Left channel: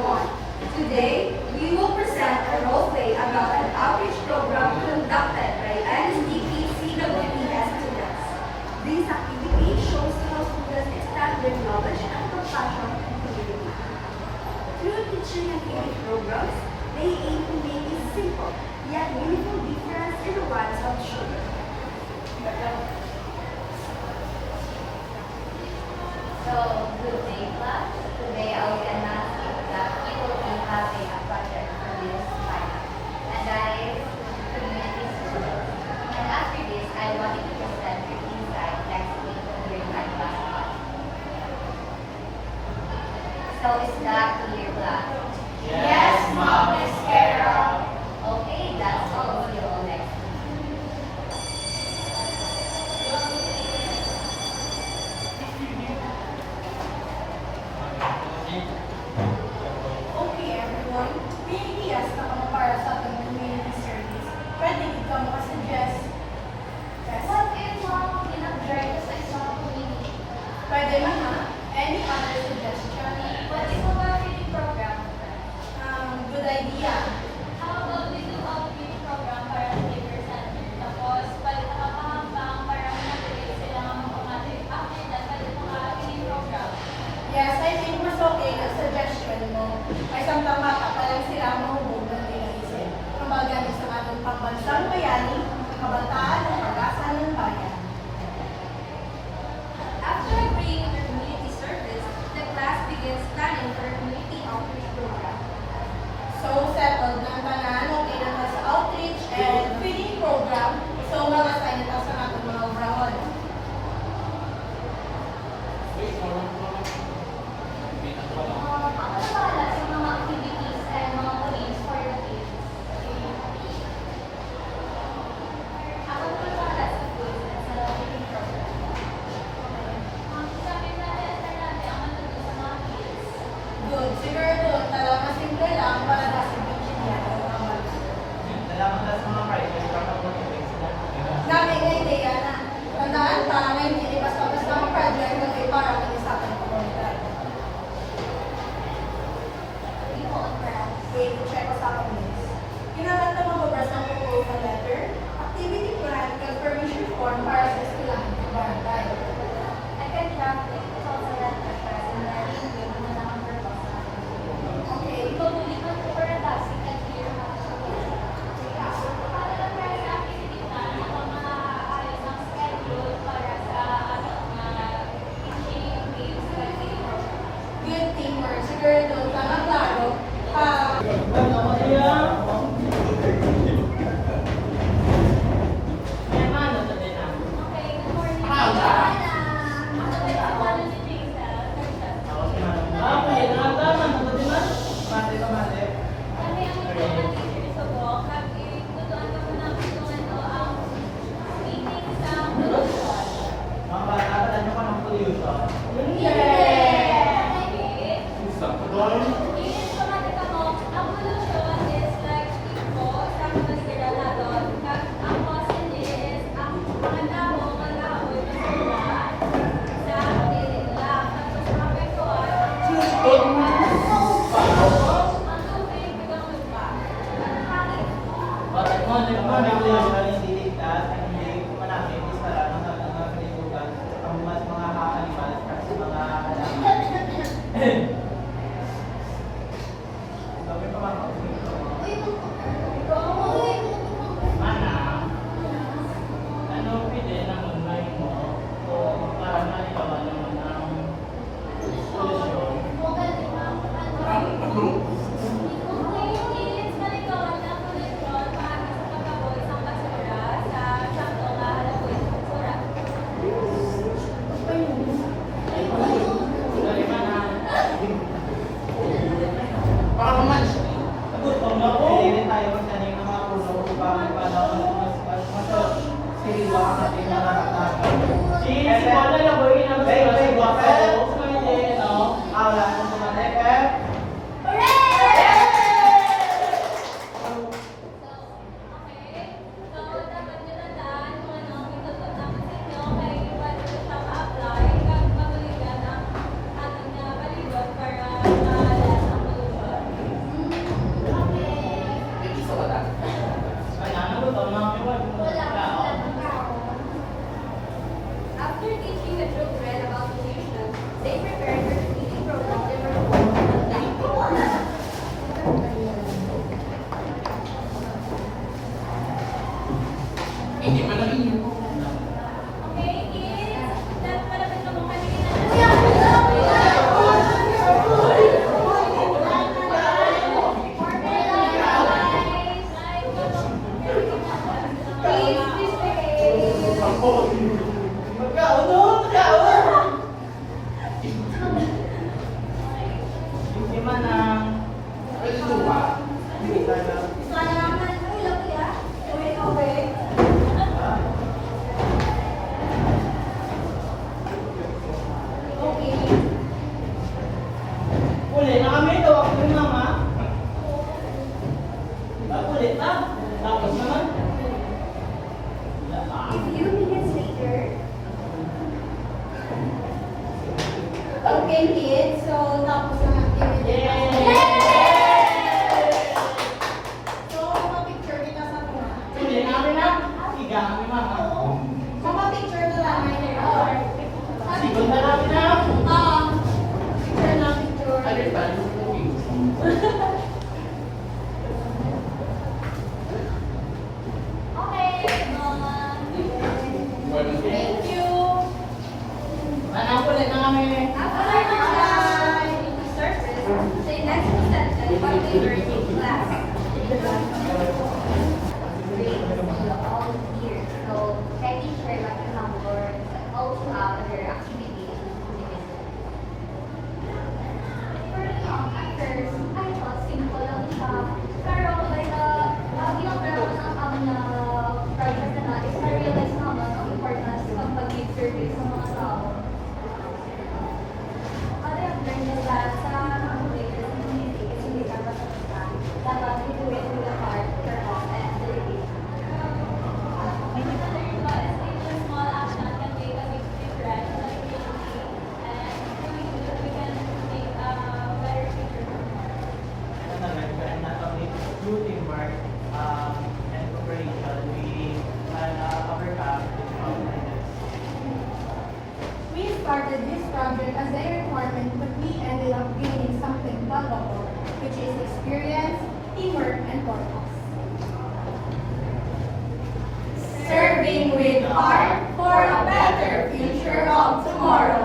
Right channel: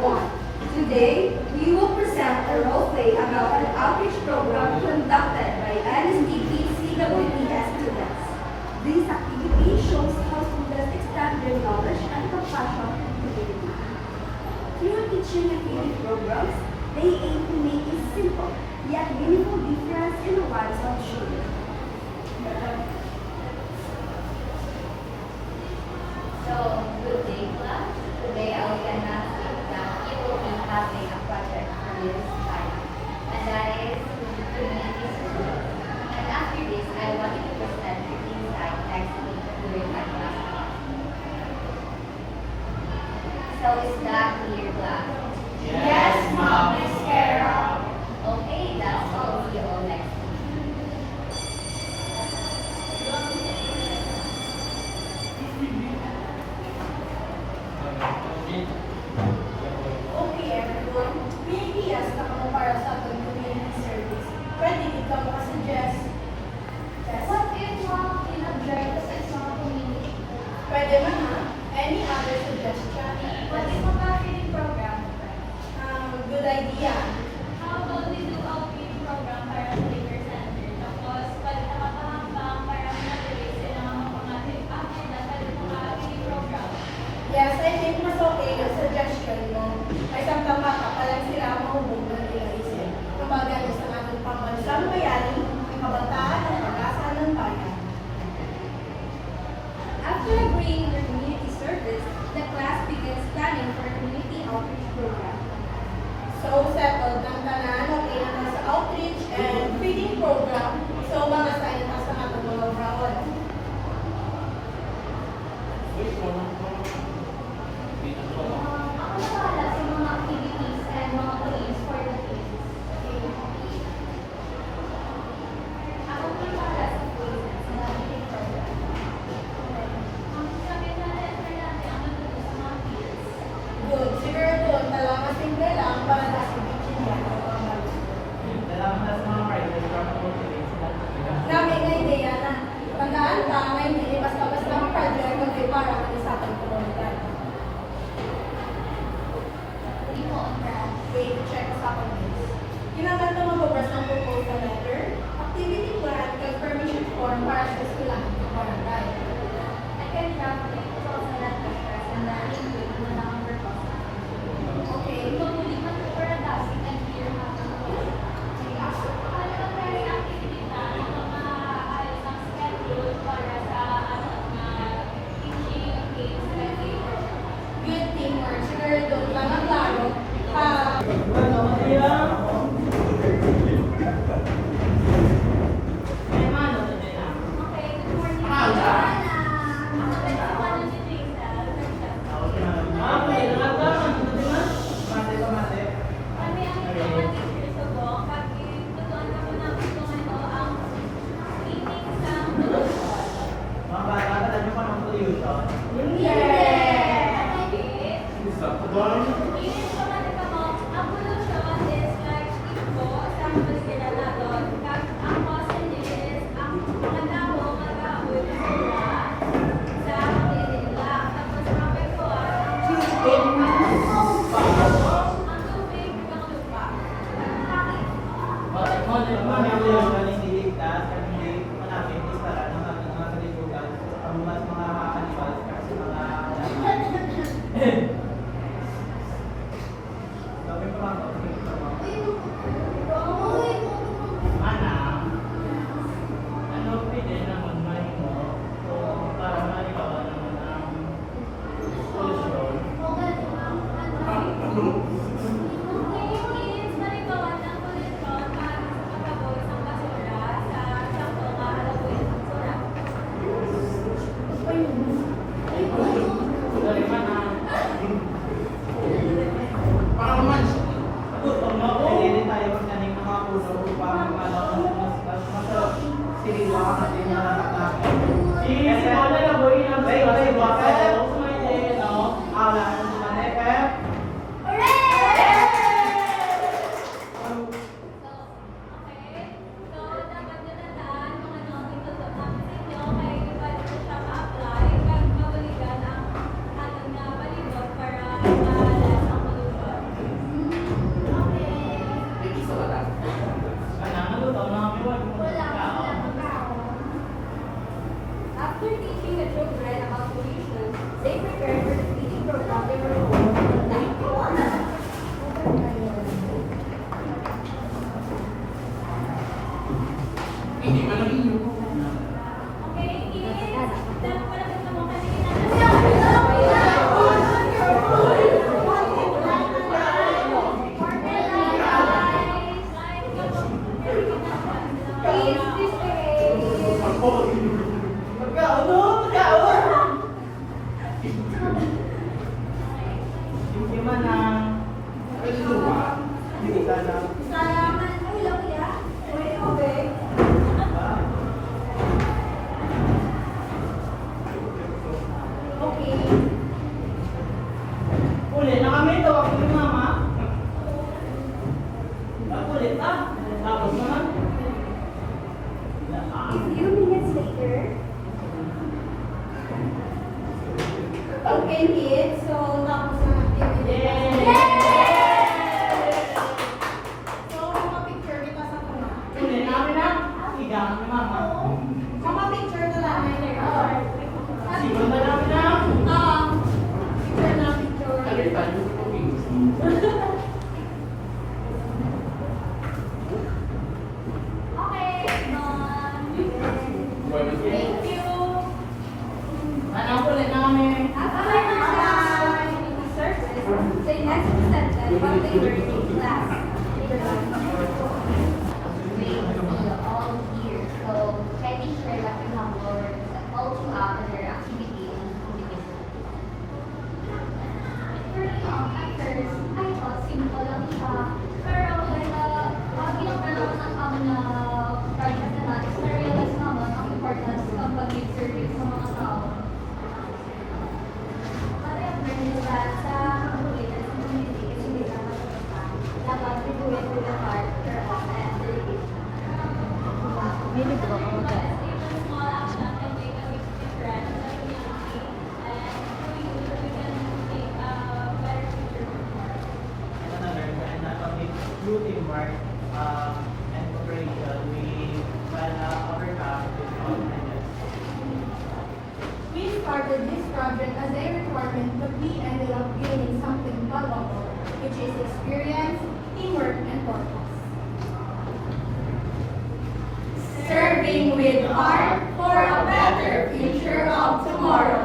everyone. Today, we will present a role play about an outreach program conducted by NSDP CWPS students. This activity shows how students extend their knowledge and compassion to the community. Through teaching and training programs, they aim to make a simple yet meaningful difference in the lives of children. So, good day, class. Today I will announce that you will be having a project for this time, and that is community service. And after this, I want you to present your insight next week during my class. So, is that clear, class? Yes, Mom, Miss Carol. Okay, that's all. See you all next week. Okay everyone, may ideas na kamo para sa ating community service. Pwede ikaw makasuggest. Yes? What if mom in-observe ka sa isang community? Pwede man ha? Any other suggestion? What if a feeding program? Good idea. How about we do a feeding program para sa liver center? Tapos, pag nakapahambang para ma-relate sila ng automatic. After that, pwede mo feeding program. Yes, I think mas okay yung suggestion mo. Ay samtang bata pa lang sila mahubog ng iisip. Kumbaga na sa ating pambansang bayani, ang kabataan ng pag-asa ng bayan. After agreeing on the community service, the class begins planning for a community outreach program. So, settled ng tanan, okay na ta sa outreach and feeding program. So, mga sign na sa atong mga obrahon. Ako na pala sa mga activities and mga police for the kids. Ako na pala sa police sa feeding program. Ang sabi natin, ang matulog sa mga kids. Good. Siguro doon, talagang mas simple lang para nasa teaching yan ng mga malis. Dami nga ideya na. Tandaan ka, may hindi basta-basta ang project kundi para mag-isapang komunidad. Hindi mo on perhaps. Okay, to-check ko sa akin this. Kailangan na mababras ng proposal letter, activity plan, confirmation form para sa eskwelahan ng barangay. I can draft the proposal letter first and then review na lang ang purpose natin. Okay. Ipapublikan ko para basic and clear how to do it. Para lang tayo sa activity plan, ako makakaalis ng schedule para sa teaching days sa feeding program. Good teamwork. Siguro doon ka na klaro. Okay, good morning. Ako si Manu si Jaisal. Kami ang mga teachers sa Bok. Kami tutuan kami ng ang meeting sa production. Inis ko natin ka mo, ang pollution is like tipo sa mga kilala doon. Ang cause is ang mga tao mag-ahoy ng sura sa daily lang. Tapos ang apektuhan, ang tubig ng lupa. Ang hangin. Kung inis malikawan ng pollution para sa pagkaboy ng basura sa sakto na halaboy ng basura. Ano Okay, so tapos ang activity. So, mapapicture kita sa mga. Mapapicture na lang. Sigon na namin na. Picture na picture. Okay, Thank you. Anak ulit namin. The next sentence, what they were in class. all year. So try to share what you have learned, but also other activities to the business. For me, at first, I thought simple lang siya. Pero ginagawa ng amin na project na natin, na-realize naman ang importance ng pag-give-service sa mga tao. What I've learned is that sa mga leaders ng community is hindi dapat basta. Dapat we do it with the heart, purpose, and dedication. Small action can make a big difference in the community, and we can create a better future. And not only through teamwork and cooperation, we can overcome this challenges. We started this project as a requirement, but we ended up gaining something valuable, which is experience, teamwork, and purpose. Serving with heart for a better future of tomorrow.